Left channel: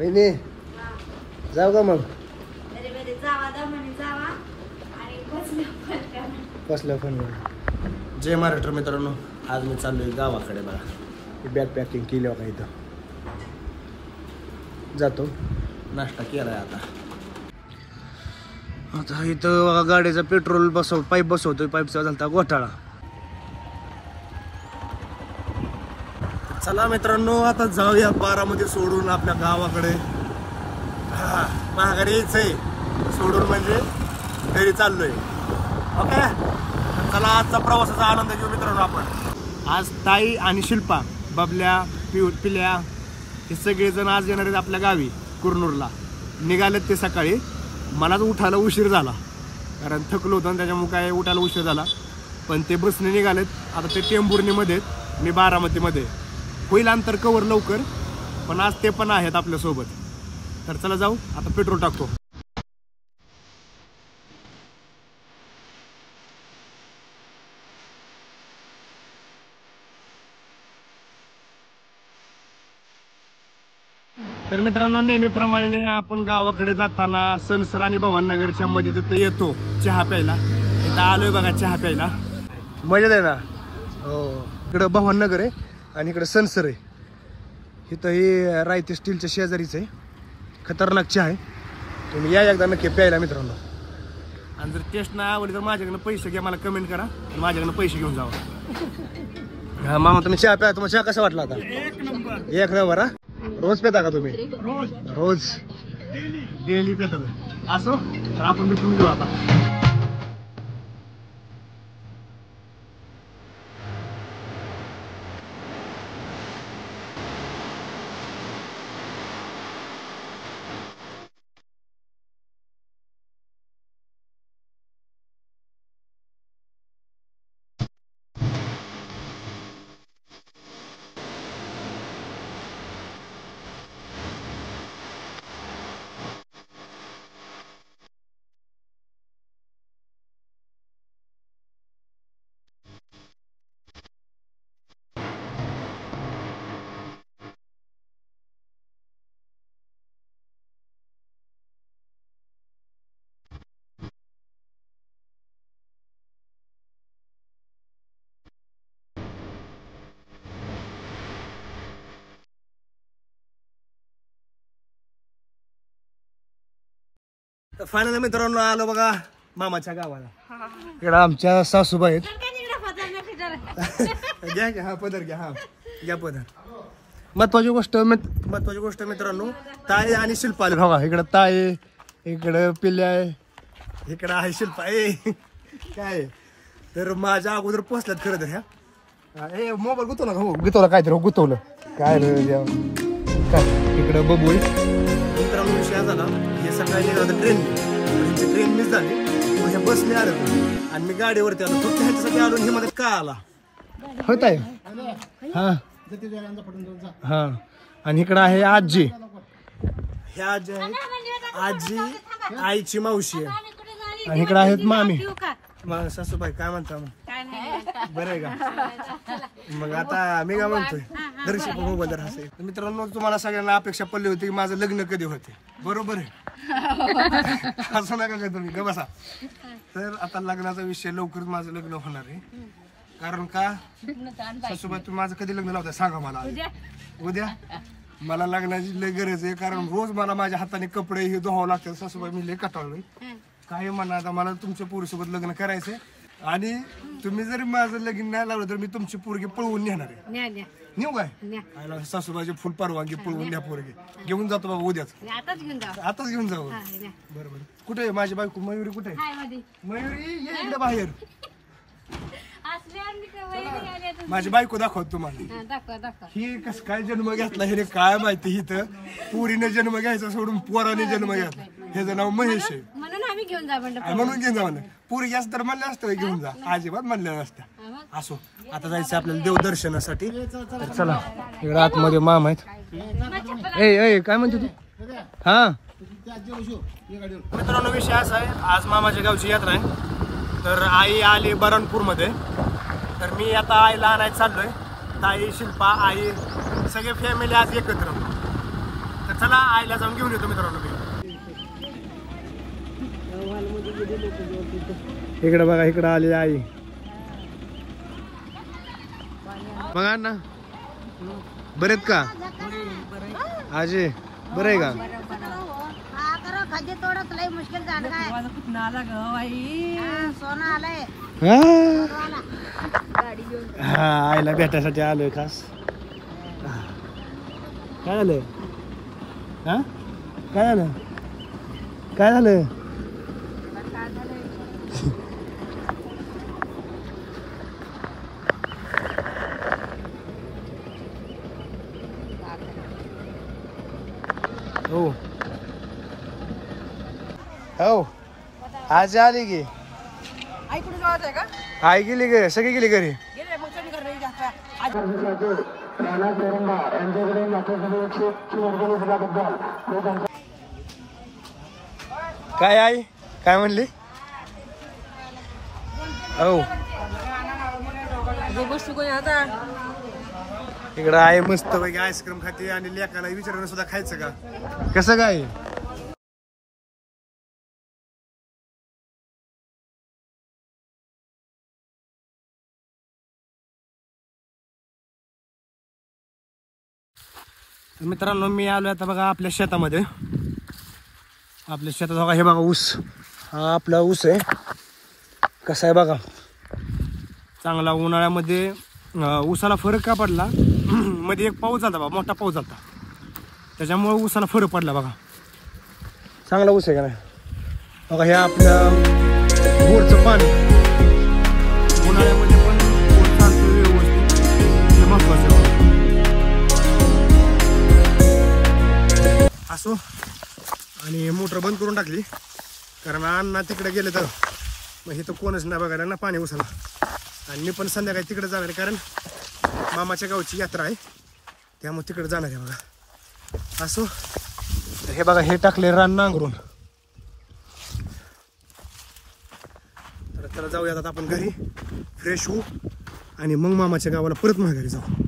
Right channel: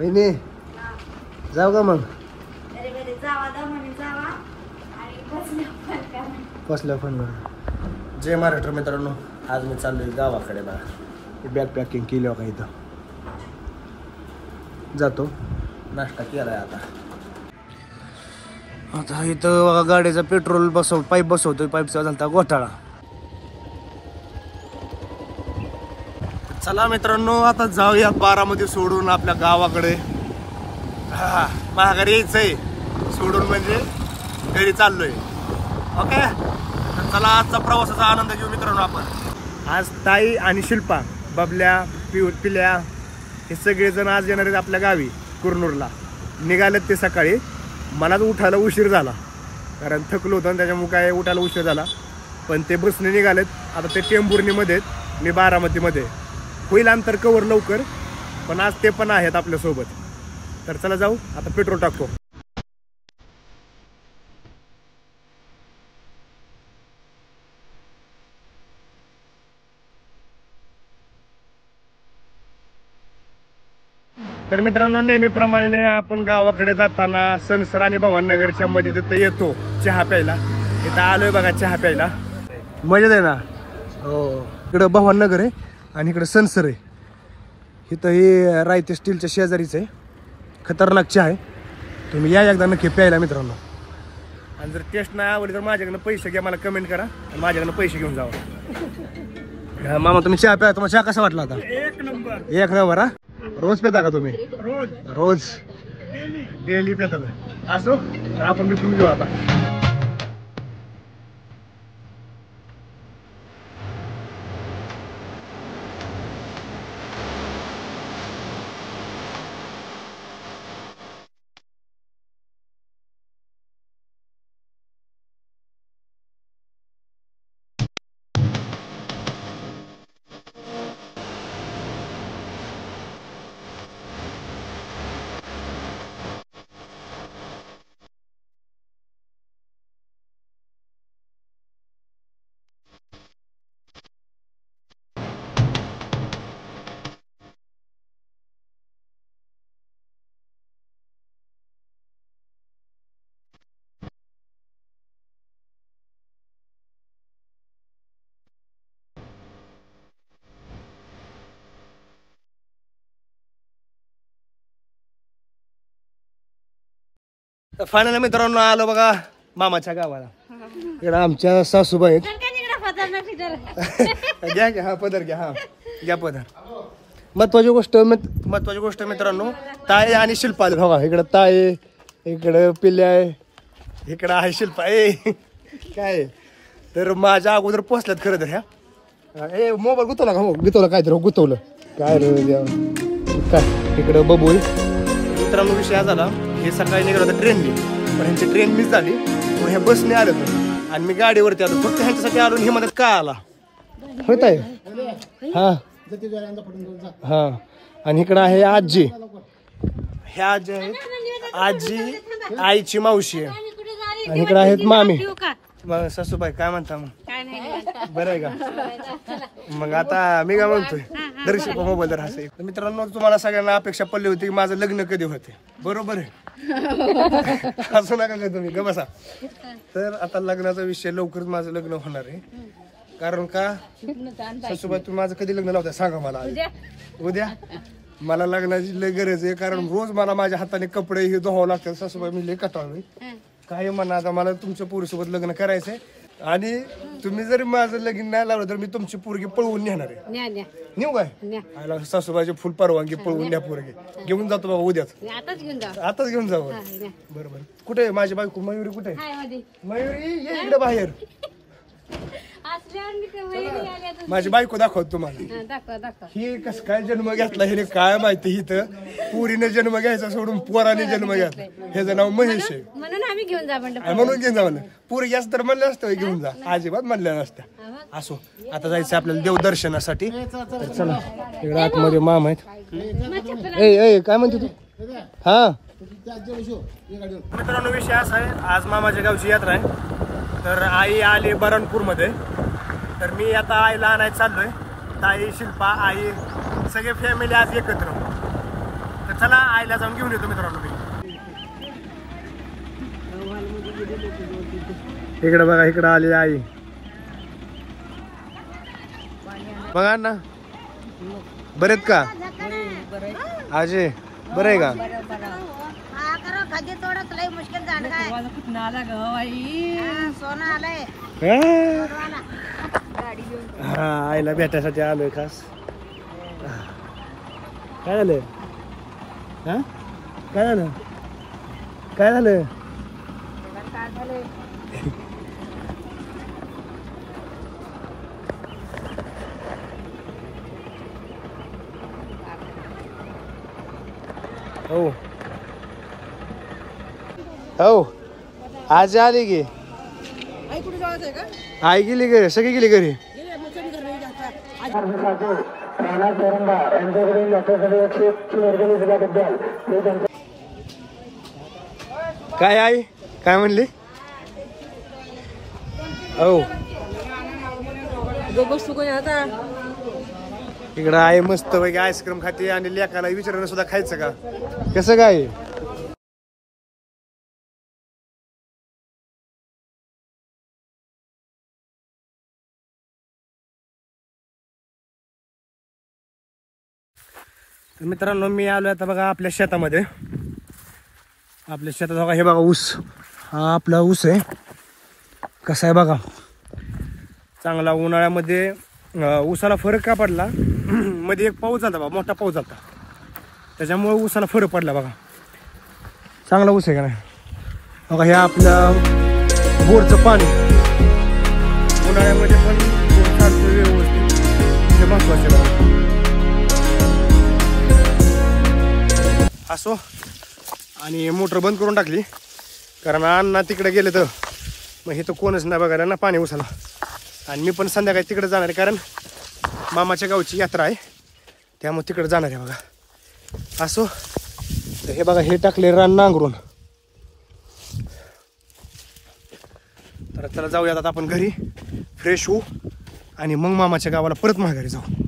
वहिनी जाऊ का मग? कसलं पण जय महाराष्ट्र मित्रांनो, आज मी चाललोय गावाकडे बघा. बॅग पॅकिंग केली बघा. इथं जातो, नाश्ता केलाय आता. आता इथं बघा गाडीचा पेट्रोल पाईप बसवतोय. पाईपचा झालता घोटाळा. चला मित्रांनो, आता जाऊयात बारामती सोडून आपल्या गावाकडे. माघारी यायचंय सोडून, म्हणजे घरी चाललोय. ओके, चला आजचा प्रवासाचा आनंद घेऊ मित्रांनो आपण. आज ताई आणि शिल्पा, बबल्या, पिल्या हे सगळेजण आज येणार आहेत आपल्या गावी कुरनूरला. निघालेत ते सकाळी. मलाच उठायला उशीर झाला, कारण थकलो होतो त्याच्यामुळे काय उठायला उशीर झाला. पण ते बसने निघालेत. आता ते टेंभुर्णीमध्ये, मी बारामतीमध्ये. होईल अंतर कवर लवकर, पण आज ते पण आहेत आपल्यासोबत. तर चला जाऊ, आता पेट्रोल टाकतो. तर मित्रांनो, नेहमीप्रमाणे आपण गावाकडे जाताना सनसर आणि भवाननगरच्या मध्ये तिथं येतो चहा प्यायला. इथं आलोय बघा चहा प्यायला. मजा आहे ना. हो, इकडं भवाननगर आहे आणि इकडं सनसर आहे. इथं हे रायते स्टीलच्या शेजारीच आहे. खतरनाक चहा आहे. तुम्ही या एकदा नक्की प्यायला मित्रांनो. आणि जर टेस्ट नाही आवडली तर माझ्याकडनं पैसे घ्या, मला कमेंट करा आणि माझ्याकडनं पैसे घेऊन जावा. मामा तुम्ही चहा प्या. तुम्हाला चहा कसा वाटला आता? एक नंबर. हा, रोज पेता का तुम्ही? रोज डेली पेता. असो, आपण भेटून घेऊ आता. फायनल मित्रांनो आलो बघा मामाच्या गावाला. इकडे आमच्या सासूबाई आहेत. घ्या घ्या, हा पदर घ्या. हा घ्या पदर. महत्वाची गोष्ट मित्रांनो, ताई आणि शिल्पा आले बघा. इकडं ताई, इकडं पिल्ल्या आहे, इकडं आहे शिल्पा. काय तर माझ्या अगोदर पोचल्यात खरं तर. ह्या मोबाईल गुतवला का? हो गुतवला, काहीतरी गुतवलं काय रे काय. इकडं बबू मित्रांनो. विषय झाला, हे सकाळी निघालं होतं ट्रेनने, पण ह्यांची ट्रेन मिस झाली. मग हे बसने आले होते आणि मी गाडीवरती आलो. फक्त ह्याच्यासाठी आलो. हे मध्ये का आला होत आहे. हा हा. आणि इकडं आहे आजी. ह्या आजी आहेत, आजी आईची मावशी आहे. आणि इकडे आहेत मामी. सासूबाई काय म्हणता मग? बरं आहे का? मग आता मी काय म्हणतोय, दर्शक मोबाईल दर हसे. मित्रांनो, तुम्हाला सगळ्यांना अपेक्षा पडली होती की माझं लग्न कधी होते. बरोबर आहे, असं नका काय तुम्ही ग बसा. तर आता लग्नाचा विषय, लवकरच माझं लग्न होणार आहे. कारण का सासूबाई, तुम्ही माझं कधी लग्न लावताय सांगा मला? उद्या. मला लग्नाची लय गरज आहे, कारण रोज मला माझ्या हाताने कपडे हे धुवावं लागतात. सासूबाई मी लय कंटाळलोय. काय म्हणा, आता मला तुमच्या पोरीसोबत लग्न करायचंय. आणि तुम्ही जरी माझं लगीन नाही लावलं तर मी तुमची पोरगी पळवून नेणार आहे. नेऊ काय? सासूबाईची फुल परवानगी, पळवून न्या पोरगी. घेऊन जातो बाबा उद्याच. आताच घेऊन जाऊ. बरोबर. कुठे माझी बायको मयुरी? कुठे मयुरी? ये इकडे बाहेर. माझी बायको दाखवत तुम्हाला. ही कस काय जन्म घेतला हे काय माहिती. इथं पुरीने जन्म घ्यायचा सोडून पोराने जन्म घेतला. ह्याचं नाव महेश आहे. म्हणून घेऊन जा म्हणलं. पोरगी असं तर म्हणलं असतं घेऊन जा, अजिबात म्हणल्या नसत्या. असो, आता जायचं आपल्याला देवदर्शनासाठी. तर चला, इकडे आतमध्ये मामा आहेत. ए काय म्हणते तू? हा मित्रांनो, विषय असा आहे, आज मामाच्या गावची यात्रा आहे. तर आई आली बरणपूर मध्ये. तर मी आता आईला आणायला चाललोय. ताई, शिल्पा, आई, सगळे फॅमिली आज एकत्र. तर चला आईला जाऊन घेऊन येतो मित्रांनो मी. इकडे बघा, इकडे आली आई. बघा ना, बरेत का आजे? बरं आहे का? हा, आईला भेटायसाठी आलोय खास. काय झालं? हा, काय झालं? काय झालं? हो हो, आज आली की आई कुठे जात आहे का? आई गेली घरी, सगळी गेली घरी. गेले मग सगळी घरी जाता. काय आई काय म्हणली? हो, बसतो कोणी आता. इकडं आई मस्त पैकी आईस्क्रीम खाते आणि लेकाला विचारणं सुद्धा खायचं का? कसं काय? मित्रांनो मी आलो आता बघा आपल्या शेतामध्ये. आपल्या शेतात बघा, हे बघा ऊस. हा आपला ऊस आहे. कसा आहे बघा, चांगला. उन्हाळ्यामध्ये ऊसाला फरक का पडला, मध्ये एक पाऊस झाला बघा, मोठा पाऊस झाला, त्याच्यामुळे ऊसाला फरक पडला बघा. चांगला ऊस आहे का नाही बघा. हे आपलं बोरचं पाणी उन्हाळ्यामध्ये पण बोर चालतो व्यवस्थित, हे महत्वाचं बघा. असो, आणि मोटर बंद करून टाकली कारण अण्णा तिकडे गेले तर मग हे तर कोणच नाही बघायला ना पाणी उसाला. आणि मी पण संध्याकाळी तिकडे जाणार आहे कारण मामाच्या गावची यात्रा आहे, त्यामुळे तिकडे जाणार आहे बघा. असो, तर हे बघा हे टाकले रान नांगरून. तर चला जाऊयात आता आपण घरी, फ्रेश होऊ आणि मग मामाच्या गावाला परत माघारी जाऊ.